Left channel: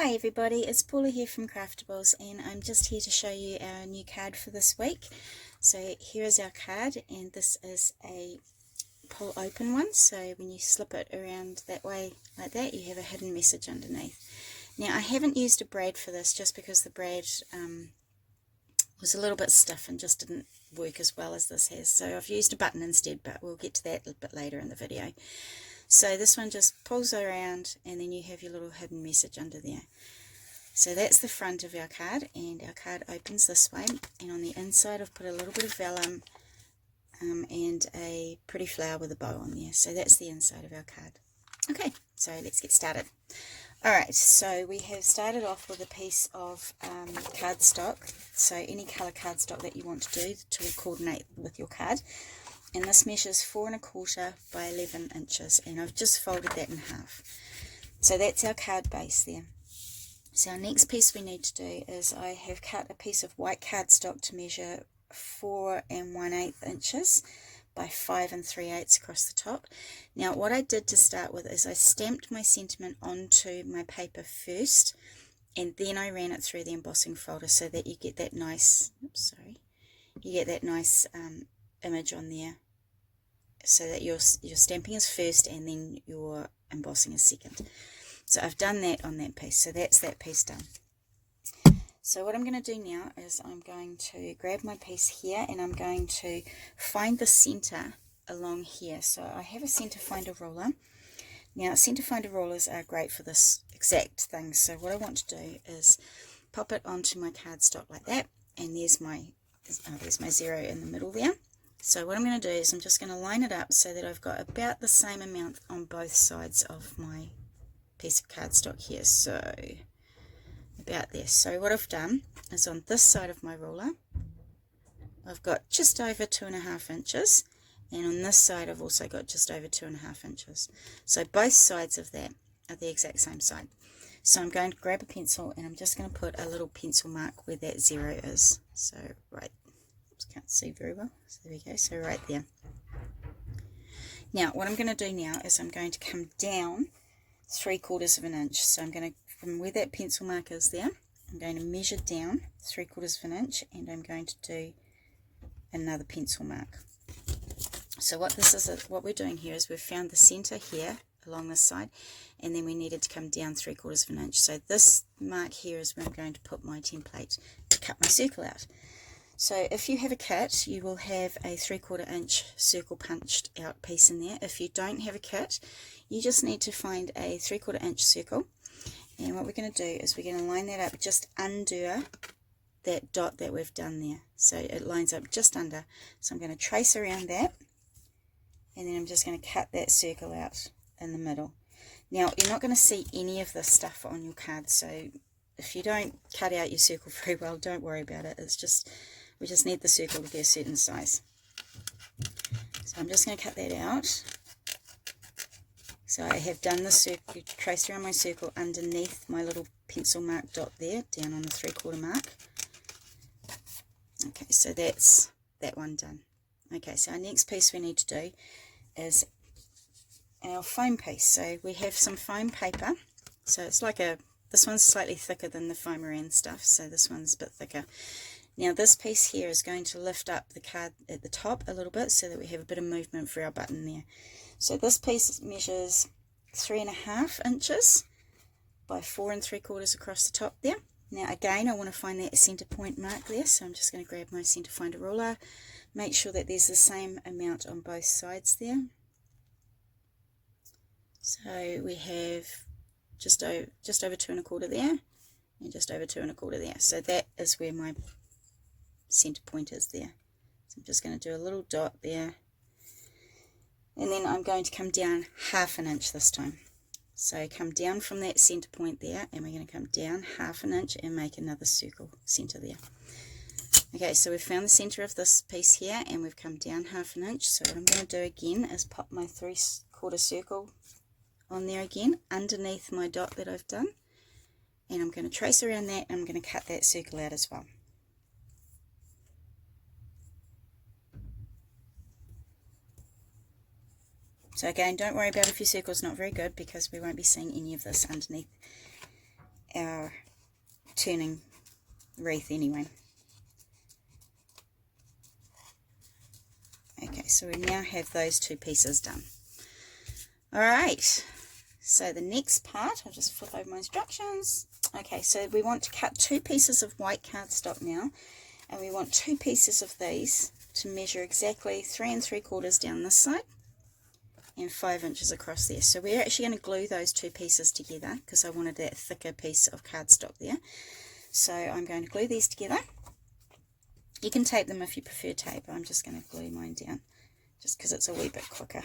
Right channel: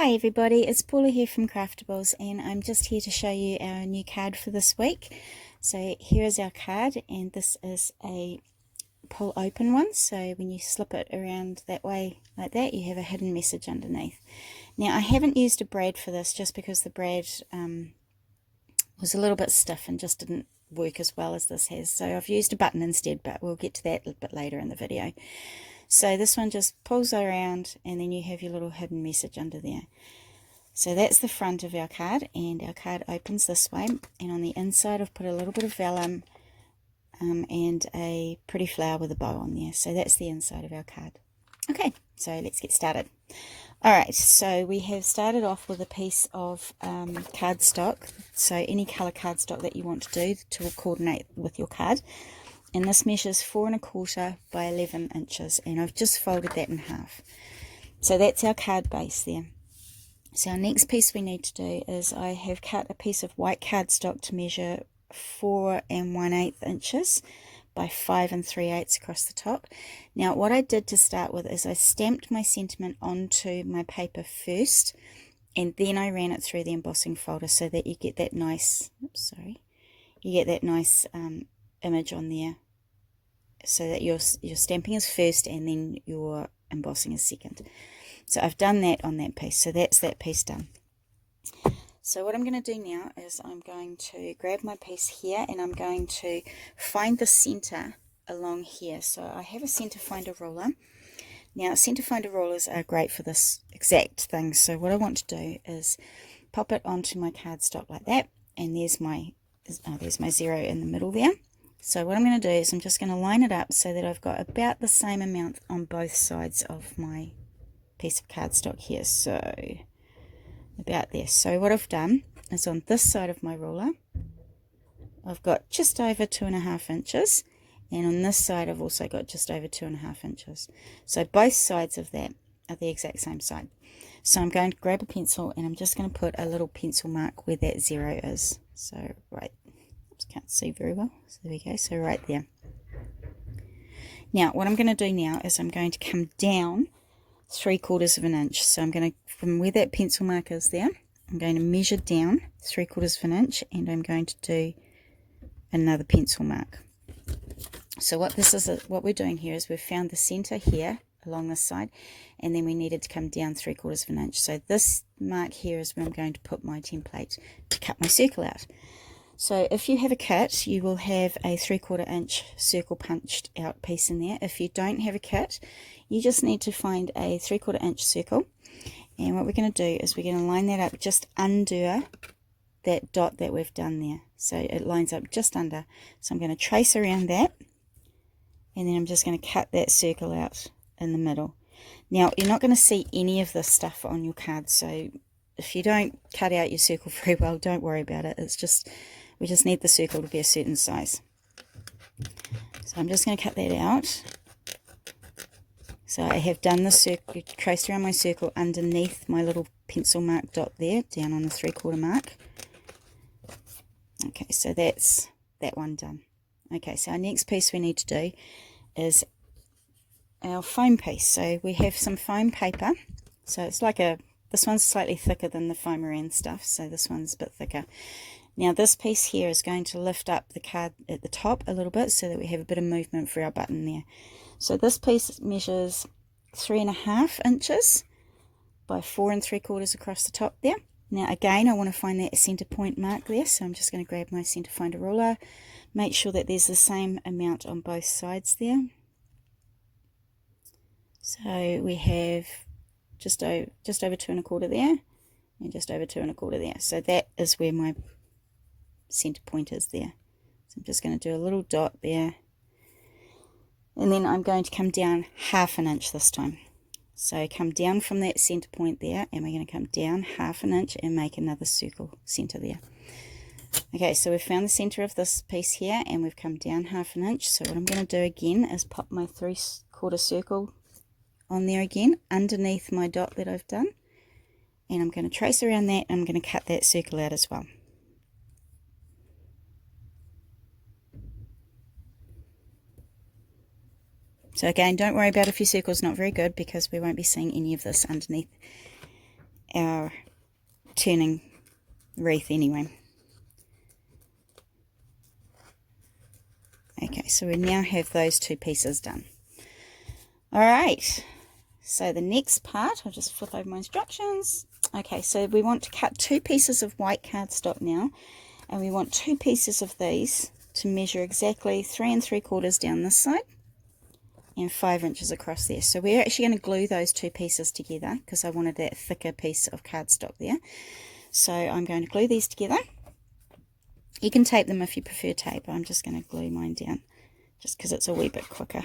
Hi everybody, it's Paula here from Craftables, and I'm just here to show you our new card for this week. So here is our card, and this is a pull open one, so when you slip it around that way like that, you have a hidden message underneath. Now I haven't used a brad for this just because the brad was a little bit stiff and just didn't work as well as this has, so I've used a button instead, but we'll get to that a bit later in the video. So this one just pulls around, and then you have your little hidden message under there. So that's the front of our card, and our card opens this way, and on the inside I've put a little bit of vellum and a pretty flower with a bow on there. So that's the inside of our card. Okay, so let's get started. Alright, so we have started off with a piece of cardstock, so any colour cardstock that you want to do to coordinate with your card. And this measures 4¼ by 11 inches, and I've just folded that in half. So that's our card base there. So our next piece we need to do is I have cut a piece of white cardstock to measure 4 1/8 inches by 5 3/8 across the top. Now what I did to start with is I stamped my sentiment onto my paper first, and then I ran it through the embossing folder so that you get that nice, image on there, so that your stamping is first and then your embossing is second. So I've done that on that piece, so that's that piece done. So what I'm going to do now is I'm going to grab my piece here, and I'm going to find the center along here. So I have a center finder ruler. Now center finder rulers are great for this exact thing. So what I want to do is pop it onto my cardstock like that, and there's my zero in the middle there. So what I'm going to do is I'm just going to line it up so that I've got about the same amount on both sides of my piece of cardstock here. So about there. So what I've done is on this side of my ruler I've got just over 2½ inches, and on this side I've also got just over 2½ inches. So both sides of that are the exact same side. So I'm going to grab a pencil, and I'm just going to put a little pencil mark where that zero is. So right, can't see very well, so there we go, so right there. Now what I'm going to do now is I'm going to come down 3/4 of an inch. So I'm going to, from where that pencil mark is there, I'm going to measure down 3/4 of an inch, and I'm going to do another pencil mark. So what we're doing here is we've found the center here along this side, and then we needed to come down 3/4 of an inch. So this mark here is where I'm going to put my template to cut my circle out. So if you have a kit, you will have a 3/4 inch circle punched out piece in there. If you don't have a kit, you just need to find a 3/4 inch circle, and what we're going to do is we're going to line that up just under that dot that we've done there. So it lines up just under. So I'm going to trace around that, and then I'm just going to cut that circle out in the middle. Now you're not going to see any of this stuff on your card, so if you don't cut out your circle very well, don't worry about it. It's just, we just need the circle to be a certain size. So I'm just going to cut that out. So I have done the circle, traced around my circle underneath my little pencil mark dot there, down on the 3/4 mark. Okay, so that's that one done. Okay, so our next piece we need to do is our foam piece. So we have some foam paper. So it's like this one's slightly thicker than the foam stuff, so this one's a bit thicker. Now this piece here is going to lift up the card at the top a little bit so that we have a bit of movement for our button there. So this piece measures 3½ inches by 4 3/4 across the top there. Now again, I want to find that center point mark there, so I'm just going to grab my center finder ruler, make sure that there's the same amount on both sides there. So we have just over 2¼ there, and just over 2¼ there. So that is where my center point is there. So I'm just going to do a little dot there, and then I'm going to come down 1/2 inch this time. So come down from that center point there, and we're going to come down 1/2 inch and make another circle center there. Okay, so we've found the center of this piece here, and we've come down 1/2 inch. So what I'm going to do again is pop my 3/4 circle on there again underneath my dot that I've done, and I'm going to trace around that, and I'm going to cut that circle out as well. So again, don't worry about if your circle's not very good, because we won't be seeing any of this underneath our turning wreath anyway. Okay, so we now have those two pieces done. Alright, so the next part, I'll just flip over my instructions. Okay, so we want to cut 2 pieces of white cardstock now, and we want 2 pieces of these to measure exactly 3 3/4 down this side and 5 inches across there. So we're actually going to glue those 2 pieces together because I wanted that thicker piece of cardstock there. So I'm going to glue these together. You can tape them if you prefer tape. I'm just going to glue mine down just because it's a wee bit quicker.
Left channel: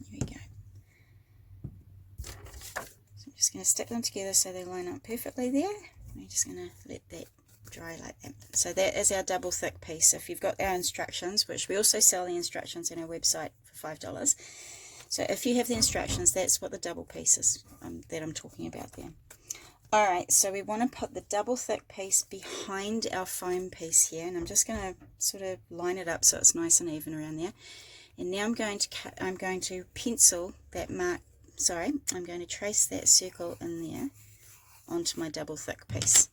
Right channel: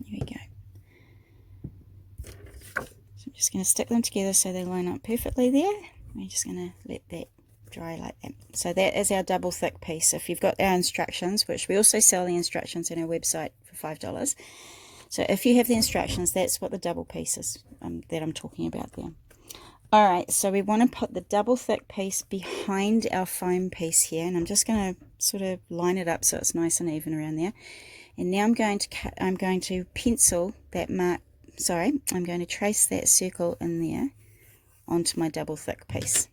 There we go. So I'm just going to stick them together so they line up perfectly there. We're just going to let that dry like that. So that is our double thick piece. If you've got our instructions, which we also sell the instructions on our website for $5. So if you have the instructions, that's what the double piece is that I'm talking about there. Alright, so we want to put the double thick piece behind our foam piece here, and I'm just going to sort of line it up so it's nice and even around there. And now I'm going to pencil that mark, I'm going to trace that circle in there onto my double thick piece.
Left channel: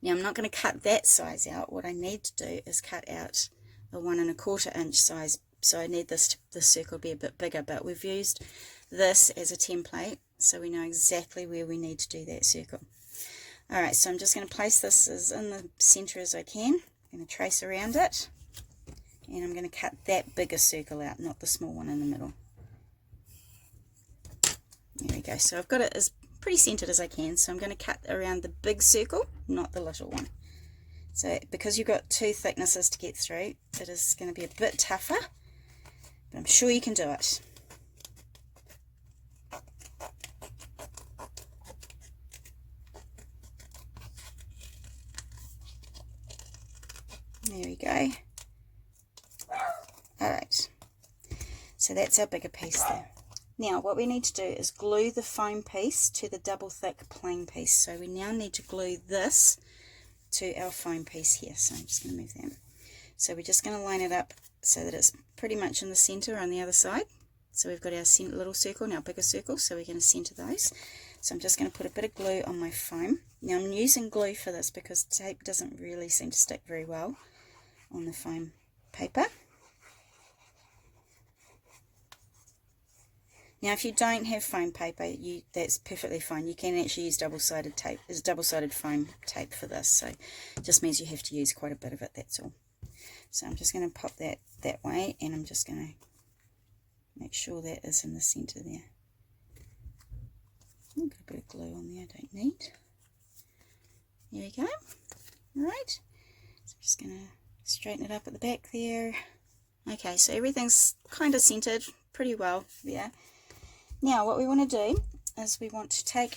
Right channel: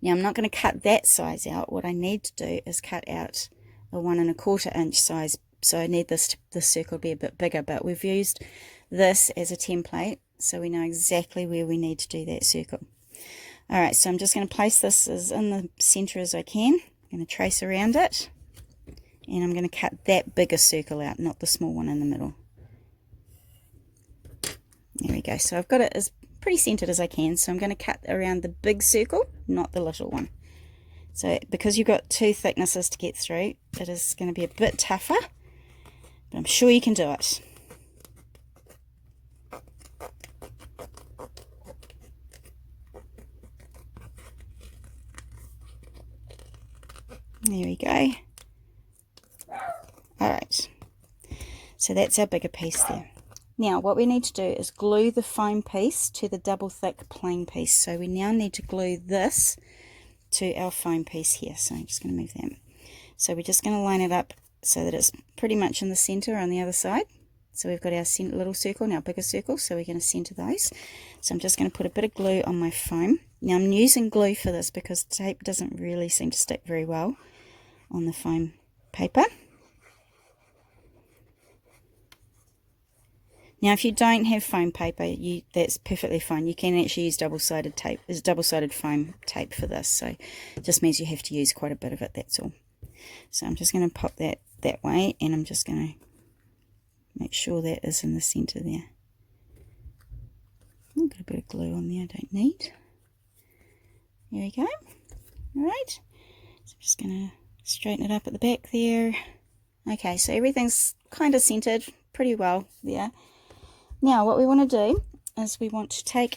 Now I'm not going to cut that size out. What I need to do is cut out a 1 1/4 inch size. So I need this circle to be a bit bigger, but we've used this as a template, so we know exactly where we need to do that circle. Alright, so I'm just going to place this as in the center as I can. I'm going to trace around it, and I'm going to cut that bigger circle out, not the small one in the middle. There we go. So I've got it as pretty centered as I can, so I'm going to cut around the big circle, not the little one. So because you've got 2 thicknesses to get through, it is going to be a bit tougher, but I'm sure you can do it. There we go. Alright, so that's our bigger piece there. Now what we need to do is glue the foam piece to the double thick plain piece. So we now need to glue this to our foam piece here. So I'm just going to move that. So we're just going to line it up so that it's pretty much in the center on the other side. So we've got our little circle and our bigger circle, so we're going to center those. So I'm just going to put a bit of glue on my foam. Now I'm using glue for this because tape doesn't really seem to stick very well on the foam paper. Now if you don't have foam paper, that's perfectly fine. You can actually use double-sided tape. There's double-sided foam tape for this, so it just means you have to use quite a bit of it, that's all. So I'm just going to pop that way, and I'm just going to make sure that is in the center there. I've got a bit of glue on there I don't need. There we go. Alright, so I'm just going to straighten it up at the back there. Okay, so everything's kind of centered pretty well there. Now what we want to do is we want to take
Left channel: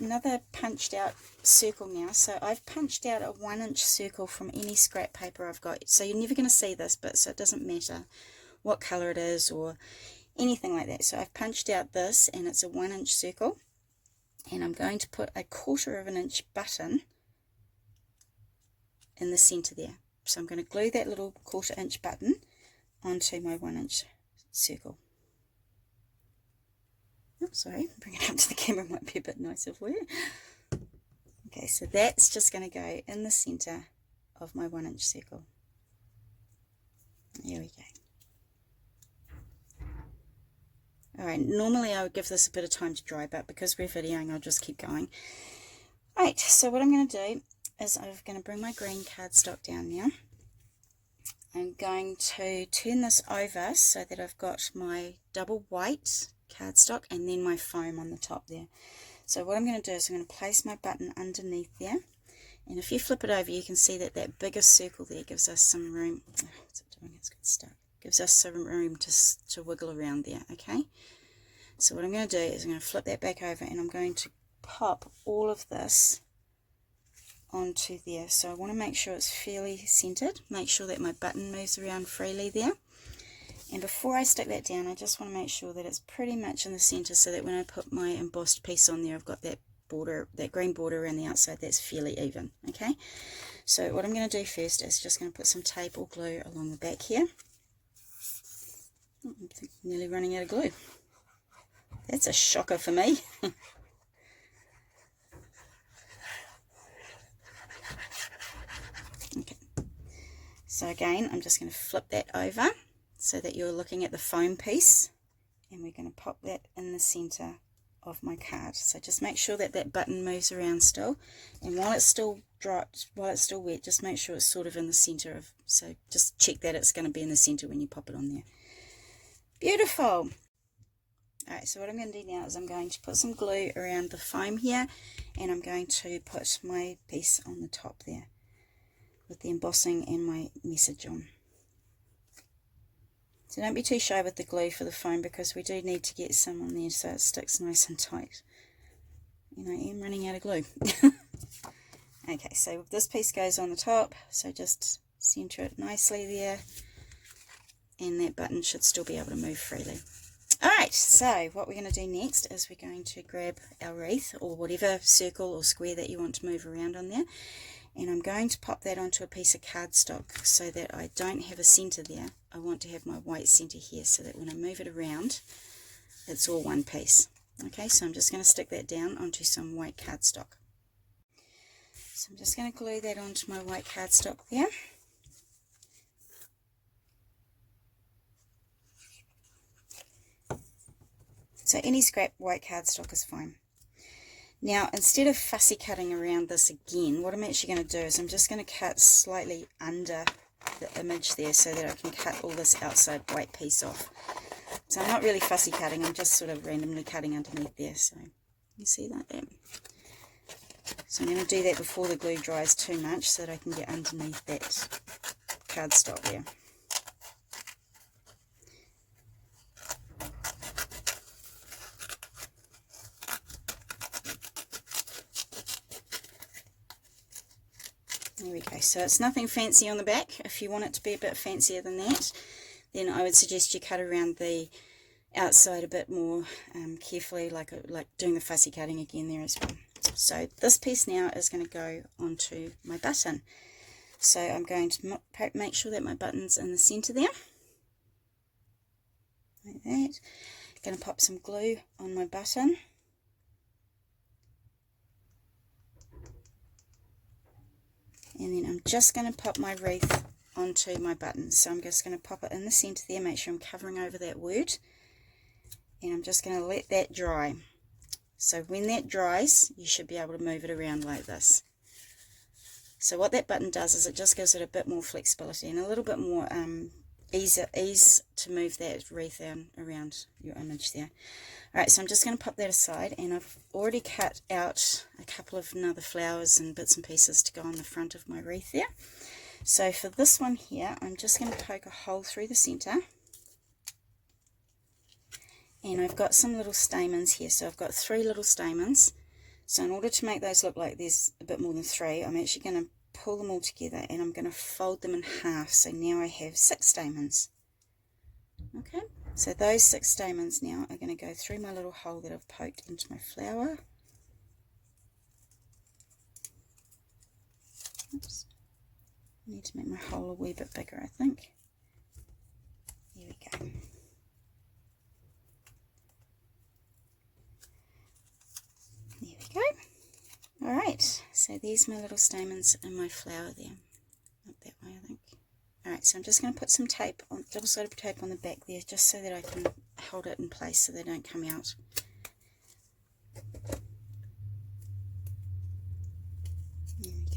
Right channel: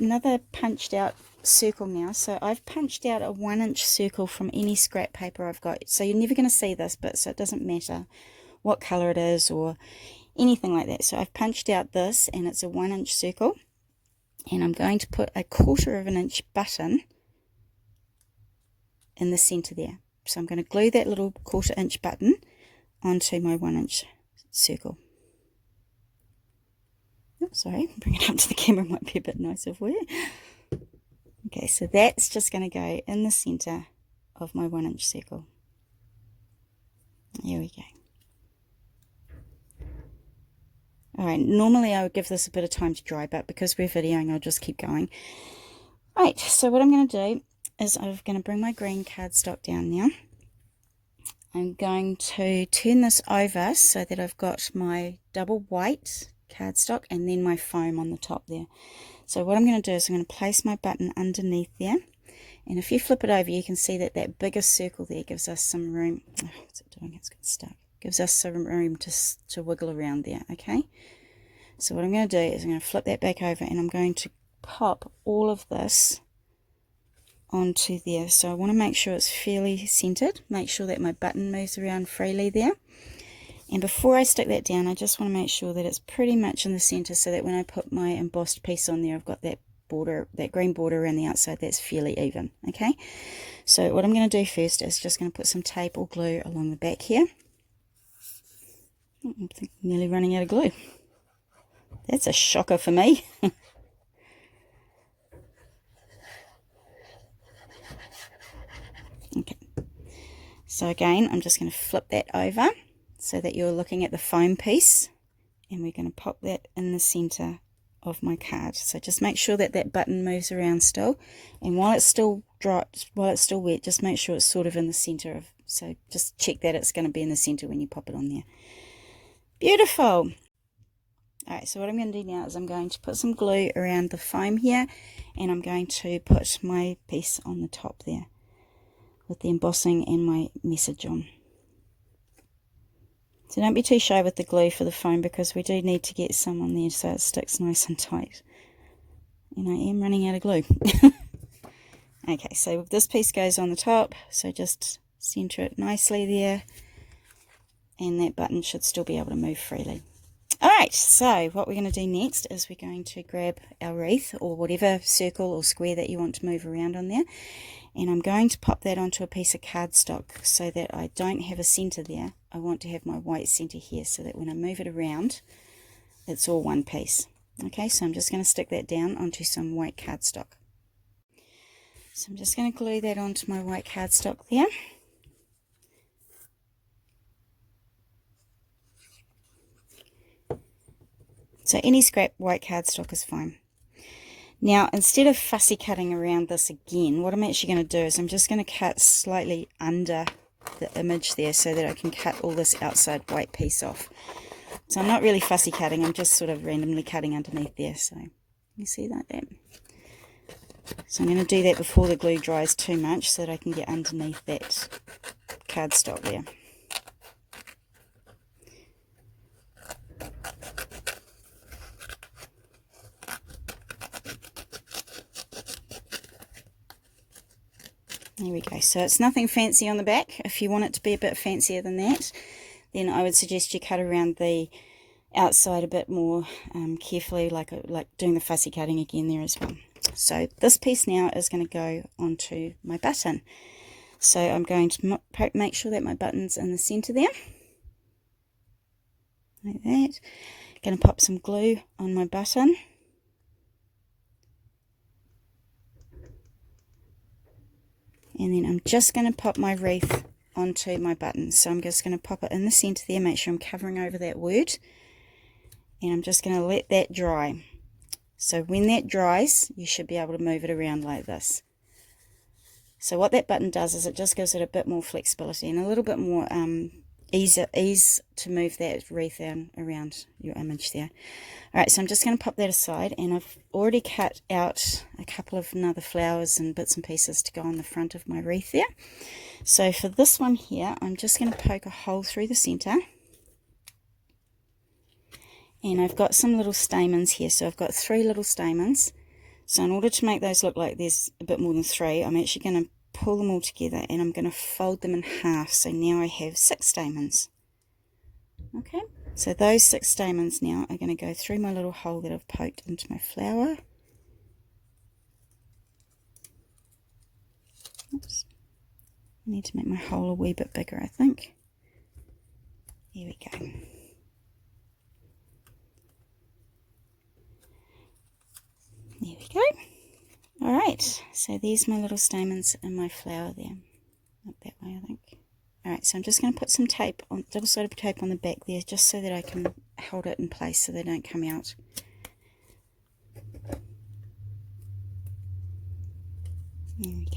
another punched out circle now. So I've punched out a 1 inch circle from any scrap paper I've got. So you're never going to see this, but so it doesn't matter what color it is or anything like that. So I've punched out this, and it's a 1 inch circle, and I'm going to put a 1/4 inch button in the center there. So I'm going to glue that little 1/4 inch button onto my 1 inch circle. Oh, sorry, bring it up to the camera, might be a bit nicer for you. Okay, so that's just going to go in the center of my 1 inch circle. There we go. Alright, normally I would give this a bit of time to dry, but because we're videoing, I'll just keep going. Right, so what I'm going to do is I'm going to bring my green cardstock down now. I'm going to turn this over so that I've got my double white cardstock and then my foam on the top there. So what I'm going to do is I'm going to place my button underneath there, and if you flip it over you can see that that bigger circle there gives us some room. Oh, what's it doing? It's got stuck. Gives us some room to wiggle around there. Okay, so what I'm going to do is I'm going to flip that back over, and I'm going to pop all of this onto there. So I want to make sure it's fairly centered, make sure that my button moves around freely there. And before I stick that down, I just want to make sure that it's pretty much in the center, so that when I put my embossed piece on there, I've got that border, that green border around the outside that's fairly even. Okay, so what I'm going to do first is just going to put some tape or glue along the back here. I'm nearly running out of glue. That's a shocker for me. Okay, so again, I'm just going to flip that over so that you're looking at the foam piece, and we're going to pop that in the center of my card. So just make sure that that button moves around still, and while it's still dry, while it's still wet, just make sure it's sort of in the center of, so just check that it's going to be in the center when you pop it on there. Beautiful. Alright, so what I'm going to do now is I'm going to put some glue around the foam here, and I'm going to put my piece on the top there with the embossing and my message on. So don't be too shy with the glue for the foam, because we do need to get some on there so it sticks nice and tight. And I am running out of glue. Okay, so this piece goes on the top, so just center it nicely there, and that button should still be able to move freely. Alright, so what we're going to do next is we're going to grab our wreath, or whatever circle or square that you want to move around on there, and I'm going to pop that onto a piece of cardstock so that I don't have a center there. I want to have my white center here so that when I move it around, it's all one piece. Okay, so I'm just going to stick that down onto some white cardstock. So I'm just going to glue that onto my white cardstock there. So any scrap white cardstock is fine. Now, instead of fussy cutting around this again, what I'm actually going to do is I'm just going to cut slightly under the image there so that I can cut all this outside white piece off. So I'm not really fussy cutting, I'm just sort of randomly cutting underneath there. So you see that there? So I'm going to do that before the glue dries too much so that I can get underneath that cardstock there. There we go. So it's nothing fancy on the back. If you want it to be a bit fancier than that, then I would suggest you cut around the outside a bit more carefully, like doing the fussy cutting again there as well. So this piece now is going to go onto my button. So I'm going to make sure that my button's in the center there, like that. Going to pop some glue on my button. And then I'm just going to pop my wreath onto my button. So I'm just going to pop it in the center there, make sure I'm covering over that word. And I'm just going to let that dry. So when that dries, you should be able to move it around like this. So what that button does is it just gives it a bit more flexibility and a little bit more ease to move that wreath around your image there. Alright, so I'm just going to pop that aside, and I've already cut out a couple of other flowers and bits and pieces to go on the front of my wreath there. So for this one here, I'm just going to poke a hole through the center. And I've got some little stamens here, so I've got 3 little stamens. So in order to make those look like there's a bit more than 3, I'm actually going to pull them all together and I'm going to fold them in half. So now I have 6 stamens. Okay, so those 6 stamens now are going to go through my little hole that I've poked into my flower. Oops. I need to make my hole a wee bit bigger, I think. Here we go. There we go. Alright, so there's my little stamens in my flower there. Up that way, I think. Alright, so I'm just going to put some tape, double-sided tape on the back there, just so that I can hold it in place so they don't come out. There we go.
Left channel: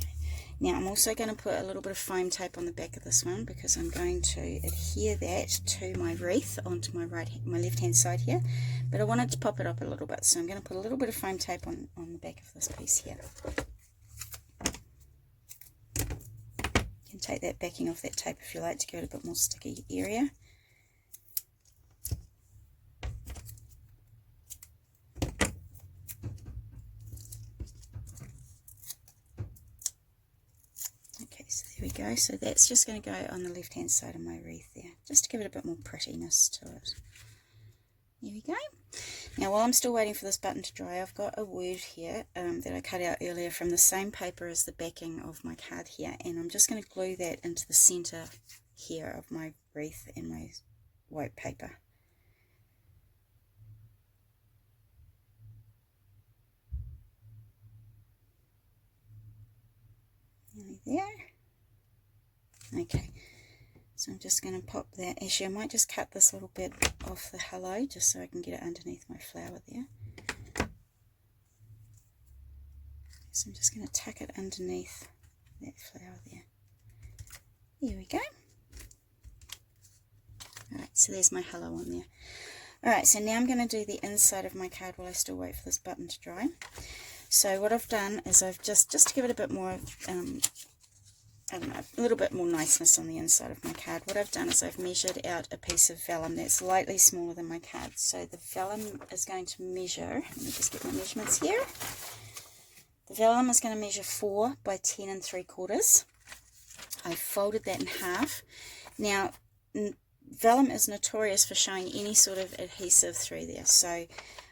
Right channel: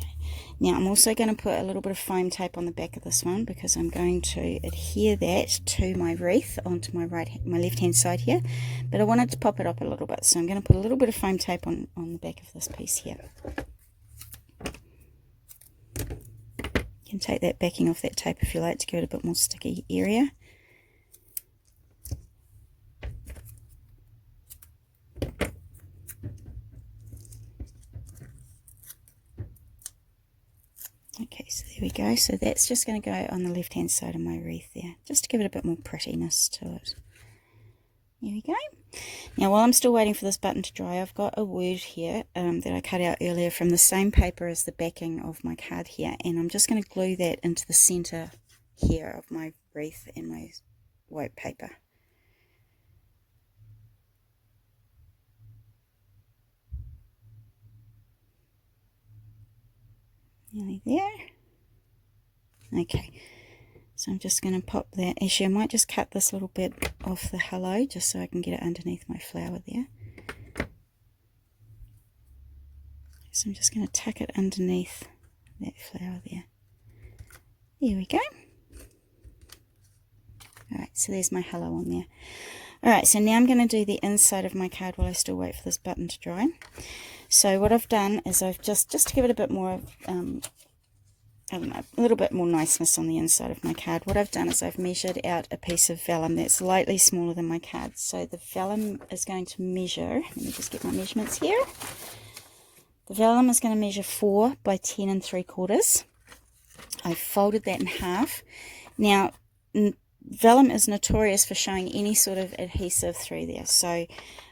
Now I'm also going to put a little bit of foam tape on the back of this one, because I'm going to adhere that to my wreath onto my left hand side here, but I wanted to pop it up a little bit, so I'm going to put a little bit of foam tape on the back of this piece here. You can take that backing off that tape if you like to give it a bit more sticky area. Okay, so there we go. So that's just going to go on the left hand side of my wreath there, just to give it a bit more prettiness to it. There we go. Now while I'm still waiting for this button to dry, I've got a word here that I cut out earlier from the same paper as the backing of my card here, and I'm just going to glue that into the center here of my wreath and my white paper. Nearly there. Okay, so I'm just going to pop that. Actually, I might just cut this little bit off the hello just so I can get it underneath my flower there. So I'm just going to tuck it underneath that flower there. There we go. Alright, so there's my hello on there. Alright, so now I'm going to do the inside of my card while I still wait for this button to dry. So what I've done is I've just to give it a bit more, I don't know, a little bit more niceness on the inside of my card, what I've done is I've measured out a piece of vellum that's slightly smaller than my card. So the vellum is going to measure, let me just get my measurements here. The vellum is going to measure 4 by 10 3/4. I folded that in half. Now, vellum is notorious for showing any sort of adhesive through there. So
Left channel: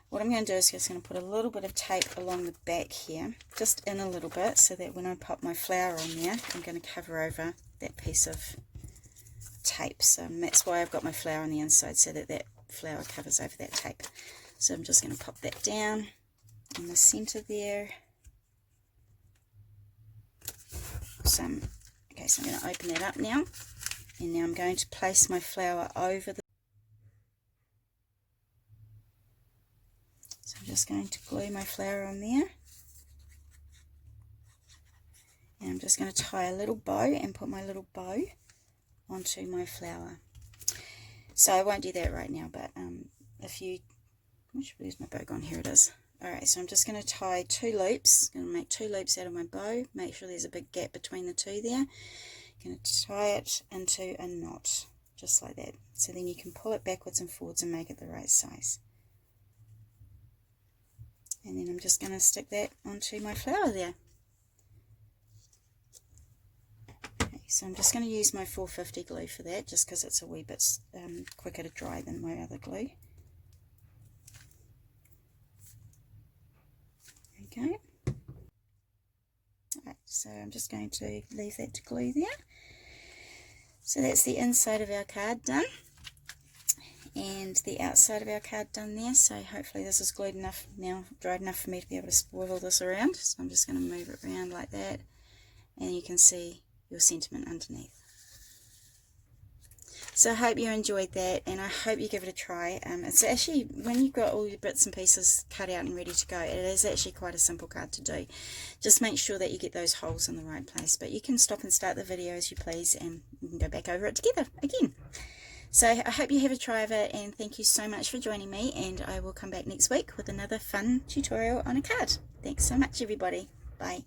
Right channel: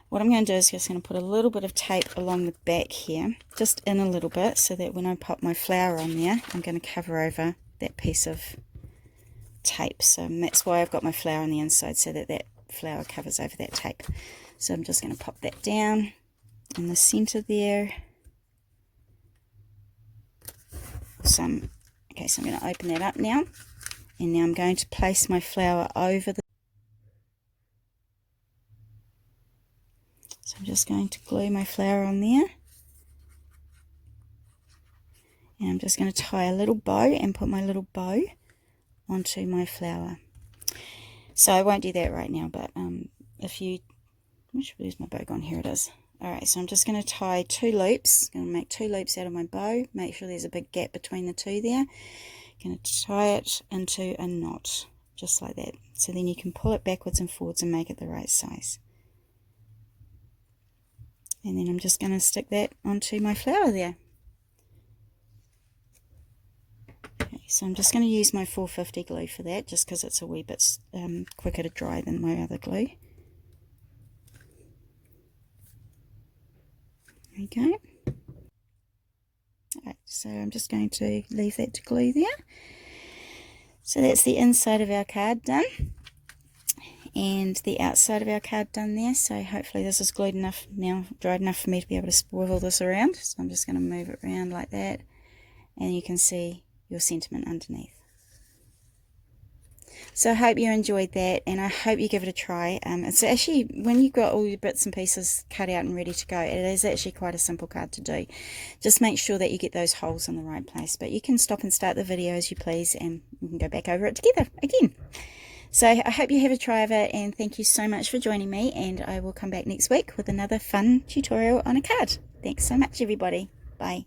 what I'm going to do is just going to put a little bit of tape along the back here, just in a little bit, so that when I pop my flower on there, I'm going to cover over that piece of tape. So that's why I've got my flower on the inside, so that that flower covers over that tape. So I'm just going to pop that down in the center there. Okay, so I'm going to open that up now, and now I'm going to place my flower over the. So I'm just going to glue my flower on there, and I'm just going to tie a little bow and put my little bow onto my flower. So I won't do that right now, but where's my bow gone? Here it is. Alright, so I'm just going to tie 2 loops. I'm going to make 2 loops out of my bow. Make sure there's a big gap between the 2 there. Going to tie it into a knot, just like that. So then you can pull it backwards and forwards and make it the right size. And then I'm just going to stick that onto my flower there. Okay, so I'm just going to use my 450 glue for that, just because it's a wee bit quicker to dry than my other glue. There we go. Alright, so I'm just going to leave that to glue there. So that's the inside of our card done, and the outside of our card done there. So hopefully this is glued enough now, dried enough for me to be able to swivel this around. So I'm just going to move it around like that, and you can see your sentiment underneath. So I hope you enjoyed that, and I hope you give it a try. It's actually, when you've got all your bits and pieces cut out and ready to go, it is actually quite a simple card to do. Just make sure that you get those holes in the right place. But you can stop and start the video as you please, and we can go back over it together again. So I hope you have a try of it, and thank you so much for joining me, and I will come back next week with another fun tutorial on a card. Thanks so much, everybody. Bye.